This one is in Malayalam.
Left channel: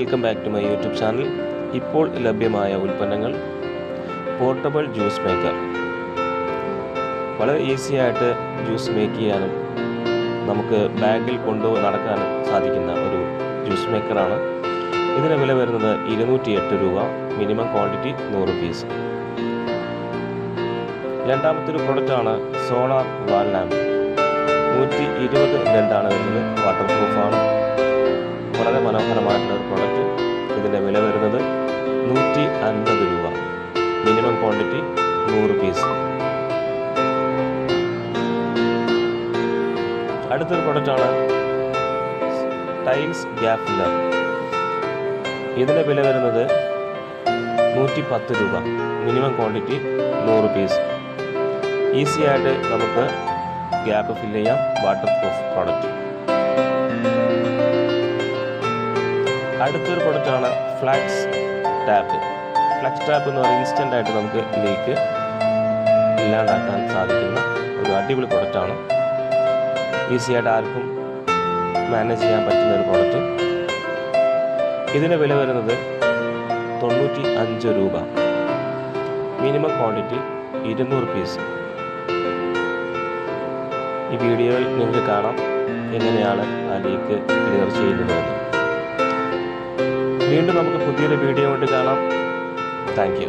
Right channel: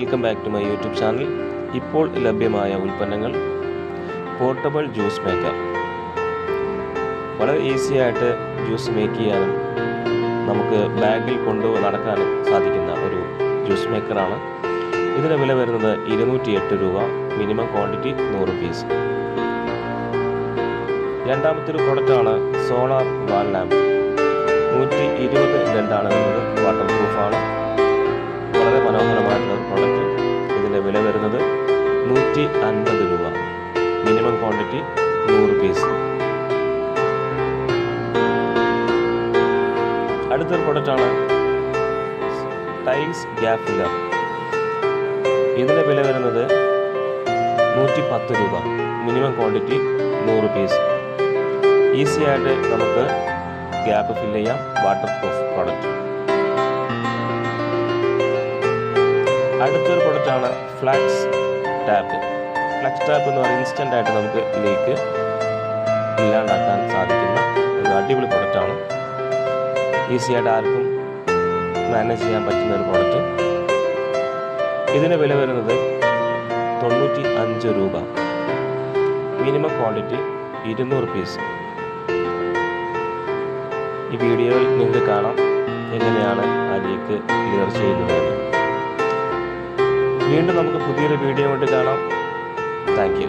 Welcome back to my YouTube channel. ഇപ്പോൾ ലഭ്യമായ ഉൽപ്പന്നങ്ങൾ പോർട്ടബിൾ ജ്യൂസ് മേക്കർ. വളരെ ഈസി ആയിട്ട് ജ്യൂസ് മേക്ക് ചെയ്യാനും നമുക്ക് ബാഗിൽ കൊണ്ടു നടക്കാനും സാധിക്കുന്ന ഒരു ജ്യൂസ് മേക്കറാണ്. ഇതിന് വില വരുന്നത് 208 രൂപ, മിനിമം ക്വാണ്ടിറ്റി 100 പീസ്. രണ്ടാമത്തെ ഒരു പ്രൊഡക്റ്റാണ് സോളാർ വാൾ ലാമ്പ്. 120 ലെൻഡാണ് വരുന്നത്, വാട്ടർ പ്രൂഫാണ്. വളരെ മനോഹരമായിട്ടുള്ള ഒരു പ്രൊഡക്റ്റ്. ഇതിൻ്റെ വില വരുന്നത് 150 രൂപ, മിനിമം ക്വാണ്ടിറ്റി 100 പീസ്. അടുത്തൊരു പ്രൊഡക്റ്റാണ് ടൈൽസ് ഗ്യാപ്പ് ഫില്ലർ. ഇതിൻ്റെ വില വരുന്നത് 110 രൂപ, മിനിമം ക്വാണ്ടിറ്റി 100 പീസ്. ഈസി ആയിട്ട് നമുക്ക് ഗ്യാപ്പ് ഫില്ല് ചെയ്യാം. Water proof product. അടുത്തൊരു പ്രൊഡക്റ്റാണ് ഫ്ലാക്സ് ടാപ്പ്. ഫ്ലാക്സ് ടാപ്പ് എന്ന് പറയുന്നത് ഇൻസ്റ്റൻ്റ് ആയിട്ട് നമുക്ക് ലീക്ക് ഇല്ലാണ്ടാക്കാൻ സാധിക്കുന്ന ഒരു അടിപൊളി പ്രൊഡക്റ്റാണ്. ഈസി ആയിട്ട് ആർക്കും മാനേജ് ചെയ്യാൻ പറ്റുന്ന ഒരു പ്രൊഡക്റ്റ്. ഇതിന് വില വരുന്നത് 95 രൂപ, മിനിമം ക്വാണ്ടിറ്റി 200 പീസ്. ഈ വീഡിയോയിൽ നിങ്ങൾക്ക് കാണാം എങ്ങനെയാണ് ആ ലീക്ക് ക്ലിയർ ചെയ്യുന്നതെന്ന്. വീണ്ടും നമുക്ക് പുതിയൊരു വീഡിയോ കൊണ്ട് കാണാം. Thank you.